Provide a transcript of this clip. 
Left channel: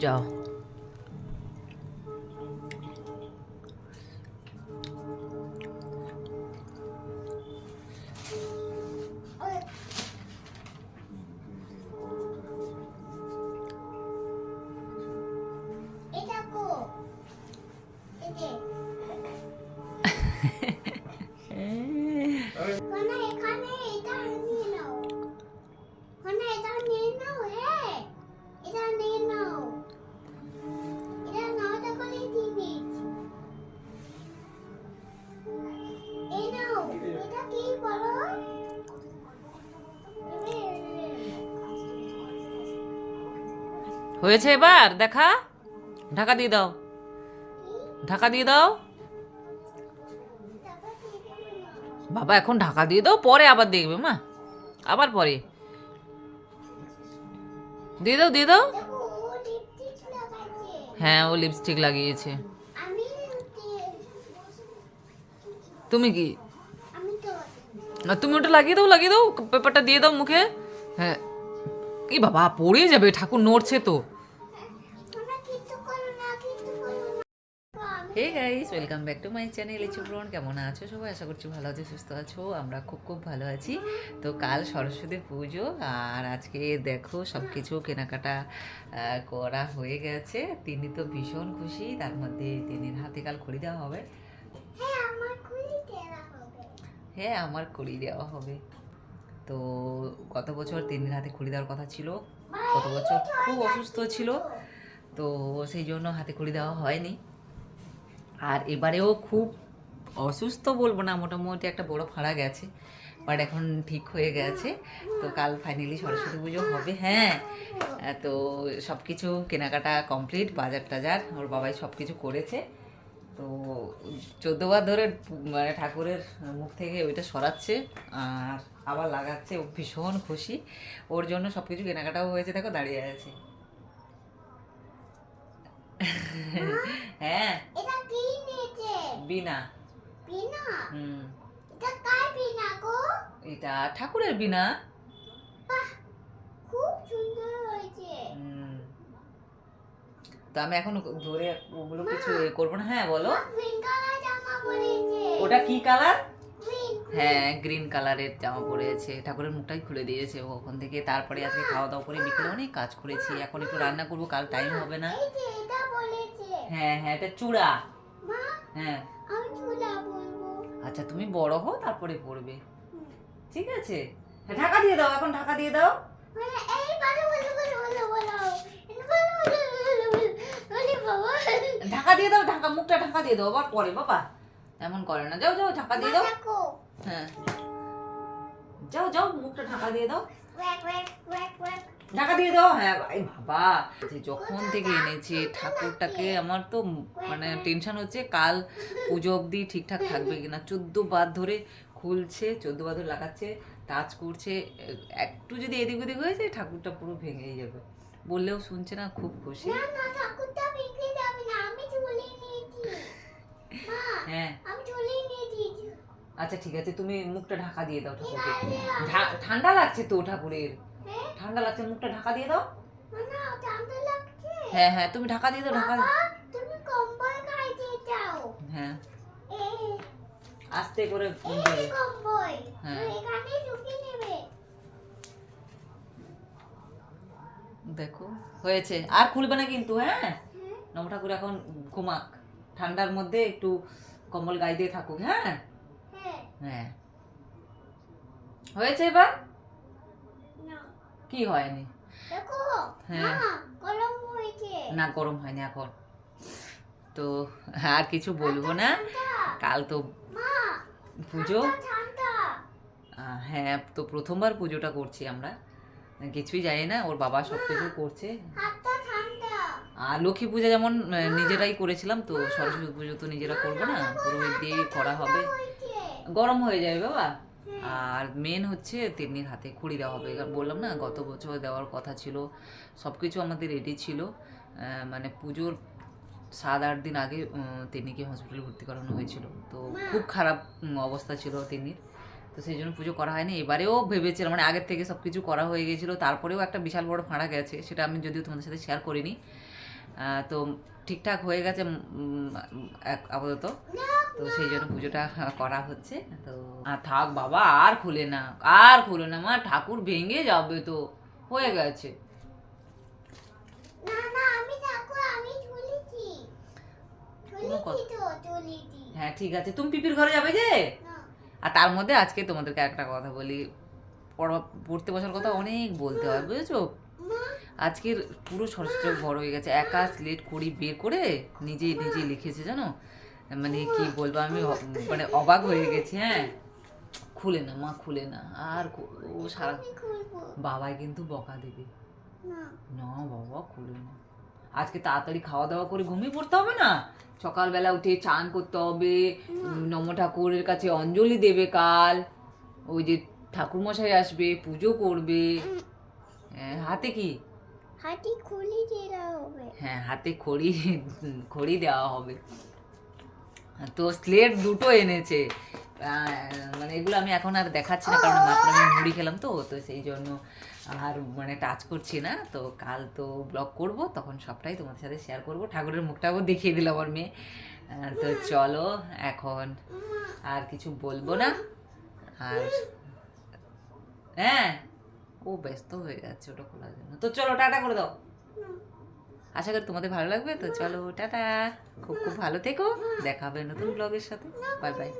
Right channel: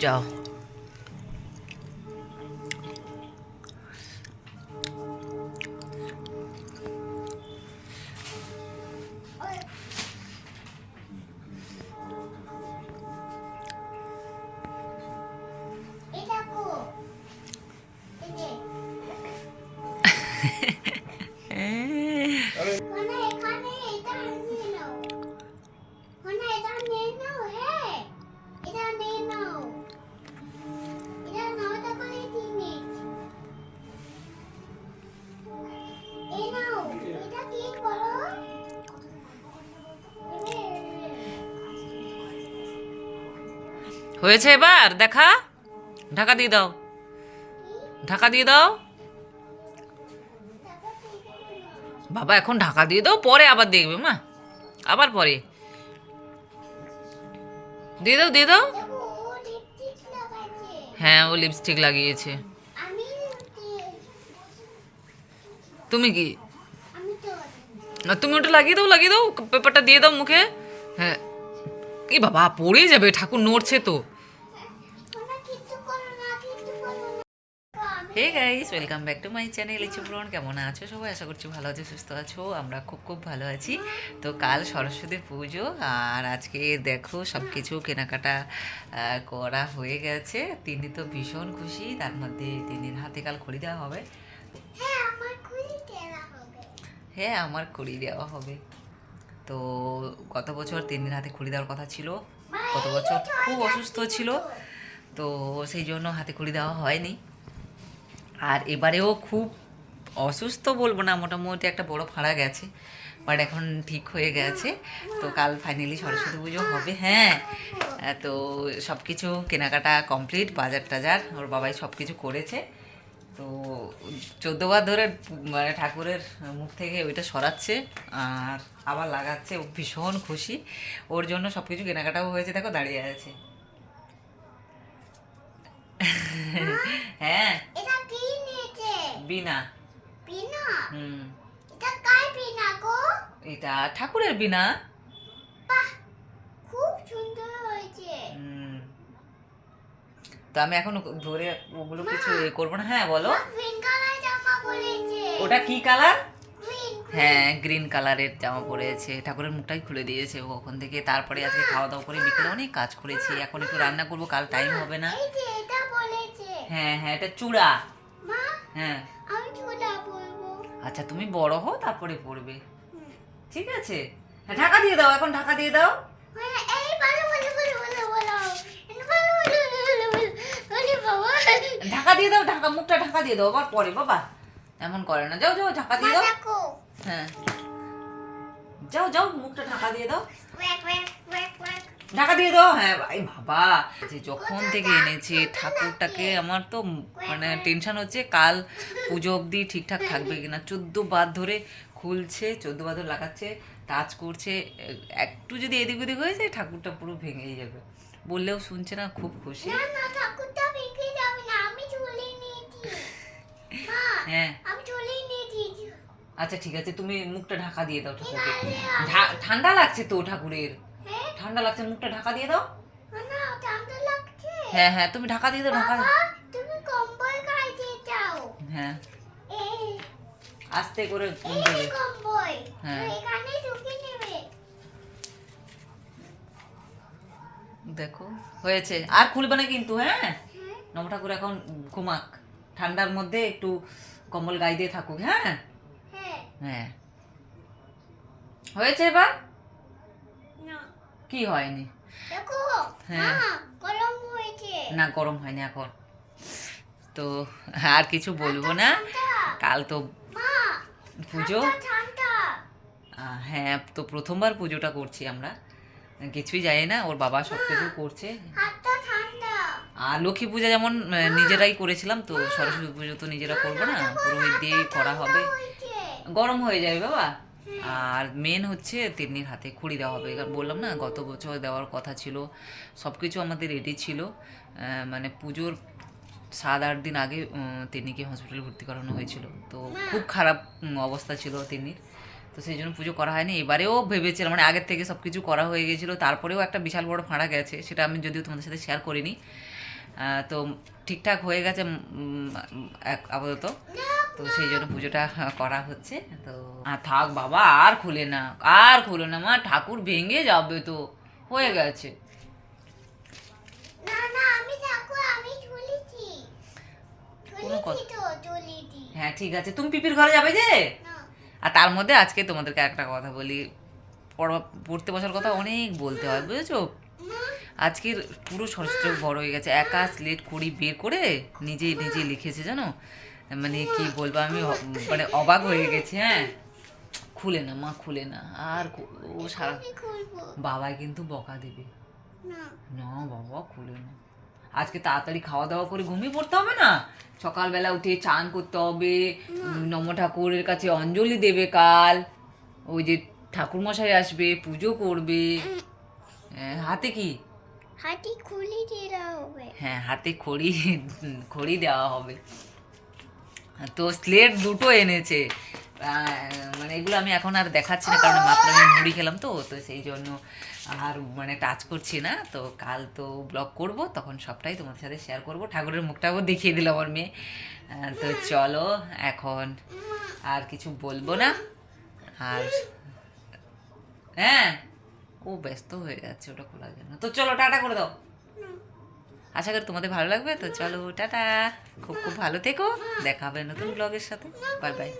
যাও। এই হয়েছে এবার? দেখা। ঢাকা দিয়ে দাও। ঢাকা দিয়ে দাও। বাবা, এখন ঢাকা দিয়ে দাও, পরে আবার দেখবে, মা। আবার পরে। দিয়ে দাও দিয়ে দাও। হ্যাঁ ও লিপস্টিক লাগিয়েছে। তুমি কি? তুমি ওটা লাগিয়ে দাও লাগিয়ে দাও, পেপারটা দিয়ে দাও মুখে। হ্যাঁ। এই বাবা পড়ে যাবে, ঠাকুর নড়ছে তো। Hey guys welcome back to my channel ইচু ব্রন কেমন আছো সবাই? আশা করছি ভালো আছো সুস্থ আছো। আমরা খুব খুব ভালো আছি। তো কাল সরস্বতী পুজো আর আজকে দেখো সব কিছু কেনাকাটা করা হয়ে গেছে। তিনি তো ভীষণ খুশি। তার মধ্যে তিনির হাতে কাল খড়ি দেওয়া হবে। হ্যাঁ আমার খুলি হবে। হ্যাঁ আমার খড়ি দেওয়া হবে। তো গত বছর তিনির হাতে খড়ি দেওয়ার কথা ছিল। গত বছর খুব অসুস্থ ছিল। তো সেই জন্য হাতে খড়ি দেওয়া হয়নি। আর এবারেও খুব অসুস্থ বলব না, মোটামুটি একটা বড় ফাড়া গেছে বাট এখন ঠিক হয়ে গেছে। তো কাল ফাইনালি সরস্বতী পুজো হবে হ্যাঁ। তো সব কিছু কেনাকাটা কমপ্লিট বাজার টাজার, ওর বাবাই সব কিছু করেছে। তো চোদ্দবার ধরে মানে ঠাকুরের মুখ থেকে ওইটা সরাচ্ছে, আর আবার লাগাচ্ছে, ও ভীষণ খুশি। ওর জন্য সব কিছু কেনাকাটাও হয়েছে, দেখো দাঁড়িয়ে আছে হ্যাঁ এটা কি নিয়েছে বিনা? হুম। এটা কার পিনা গো? এটা ঠাকুরের বিনা। বাহ খুব সুন্দর হয়েছে। হুম। তো আমি এখন ধরে ওগুলো কিছু এ করব না। হ্যাঁ বলো। গ্রিন কালার জামা পরেছে। ওটা কি কালার হ্যাঁ গ্রিন কালারের জামা পরেছে। ঠাকুরের মুখটাই খুলে দিয়েছে ওখান থেকে। তারপরে আজকে খাওয়া দাওয়া করে বিকেলে অনেক কাজ করেছি। এখন একটু রান্না করব কাল টাইম হবে না। এই যে এটা বলেছে হ্যাঁ হ্যাঁ এটা চূড়া। মা হ্যাঁ। আমি চুলা বলব আচ্ছা তুমি বড় হও তারপরে পড়বে ঠিক আছে হ্যাঁ ঢাকা দিয়ে দাও এখন ঢাকা দিয়ে দাও মানে এই বলো বলো বলো বলো বলো এই বলো বলো বলো বলো বলো বাবা ঢাকা দিয়ে দাও ঢাকা মুখটা ঢাকা দিয়ে দাও আবার পরে বাবা এমন করে না যাও যাও ঢাকা দিয়ে দাও হ্যাঁ যাও যাও মুখটা ঢাকা দিয়ে দাও। ঢাকা দিয়ে দাও। হ্যাঁ ভাই বাবা। যে যখন থেকে এনেছি ঠাকুরটাকে আমার তো মানে টেনশন হচ্ছে কাল পুজো অবধি ঠিকঠাক থাকবে কিনা। চোদ্দ বার ধরে খুলছে চোদ্দ বার ধরে লাগাচ্ছে টাচ করছে। একটু যদি এদিক ওদিক হয়ে যায় ঠাকুরটা পুরো ভেঙেই যাবে। বললেও শুনছে না খুব খুশি। হ্যাঁ। আচ্ছা ঠিক আছে তুমি মুখটা ঢাকা দিয়ে দাও ঠাকুরকে ঠান্ডা লাগছে তো ঠাকুরের। হ্যাঁ? ঠান্ডা লাগছে মুখটা ঢাকা দিয়ে দাও। হ্যাঁ হ্যাঁ তুমি ঢাকা দিয়ে দাও ঢাকা তুমি কম্বল গাইতে যাও। হ্যাঁ। এই আস্তে করে কম্বল হ্যাঁ। এখানে ঢুকে নেবে। দেখো হয়েছে। আর খুলবে না কিন্তু হ্যাঁ? হ্যাঁ। নব ঠাকুর এখন ঘুমাক। ঠান্ডার মধ্যে একটু কম্বল গায়ে দিয়ে থাকুক হ্যাঁ? হ্যাঁ। হ্যাঁ হয়েছে এবার? না। কি হয়নি? দেখো হ্যাঁ। মা গরম হয়েছে। না গরম হয়নি এখন। তো আর কিছু বলব না? কাল তো পুজো। হ্যাঁ তো প্রথমবার পুজোটা করছি আমরা। কিছুই জানি না ওর বাবা সব কিছু করছে। আর লক্ষ্মী পূজা যেমন নিজেরাই করেছিলাম তো সরস্বতী পুজো তো নিজেরা করব না? পুরোহিত দিয়েই করা হবে। গরম হয়ে যাবে বাবা। আর মেন হচ্ছে তিন্নির হাতে খুঁড়ি দেওয়া হবে। এবার বললাম না গত বছর দেওয়ার কথা ছিল সব কিছু আমাদের রেডি ছিল। মানে পুজোর সাত আট দিন আগে তিন্নিকে হসপিটালে ভর্তি করানো হয়েছিল। তো খুব খারাপ অবস্থা ছিল তিন্নির। তো সেই জন্য পুজো করা হয়নি। এবারেও ভেবেছিলাম মানে আগের থেকে সব কিছু করা হয়ে গেছিল। তারপরেও একটা বিশাল বড় ফাঁড়া গেছে সেটা আমি যদিও তোমাদের সাথে শেয়ার করিনি। তো ঠিকঠাক হয়ে গেছে এক- আপাতত। তো সেই জন্য পুজোটা করা হচ্ছে। তো আর থাক বাবা আর খুলে না আর খুলে না মা ঠাকুর ভেঙে যাবে তো হয়ে গেছে। হ্যাঁ ঠিক আছে। তুমি পিপির ঘরে যাবে যে? আর তার মধ্যে আজকে তোমাদেরকে একটা কথা বলি। পড়া- পড়তে বসার কথা অনেক বলতে হয় বুঝেছ? আজকের পুরো সরস্বতী বড় হয়ে গেছে। একা স্লেট করি বের করে নিজে নিজে লিখেছে জানো? মানে কি বলব আমি মানে অবাক হয়ে গেছি হ্যাঁ। খুলে না মা খুলে না আর ও সারা বাবাই কিন্তু বকা দেবে। না। বাবা খুলে না। আজকে তাড়াতাড়ি খাওয়া দাওয়া করে ঘুমিয়ে পড়তে হবে না? সকালবেলা উঠে চান করতে হবে নম ঠাকুরের কাছে অঞ্জলি দেবে কাল। ওই যে ঠাকুর মশাই আসবে পুজো করবে। হ্যাঁ, হাতে কি? হাতে খুলে দিতে হবে। হ্যাঁ হাতে খড়ি খড়ি দেওয়া হবে। তো স্লেট দুটো এনেছে। মানে এগুলো আমি এখন আর দেখাচ্ছি না, কারণ মাত্র আমি মুড়ি খেলাম তো তো সেই জন্য আর মানে টাচ করছি না। তো কাল তো ব্লগ করব, তখন সবটাই তোমাদের সাথে শেয়ার করব। ঠাকুরের মুখটাও দেখিয়ে দিল আমার মেয়ে। তো চলো এখন আর কিছু বলব না। আর হ্যাঁ ও ব্যস্ত হয়ে যাচ্ছে, ওটা খোলার জন্য। তো চলো, টাটা করে দাও। আশা করি তোমাদের ভালো লাগবে। তো চলো, টাটা। খুব খুব ভালো থেকো। দেখা হবে নতুন ব্লগের সাথে। Bye bye.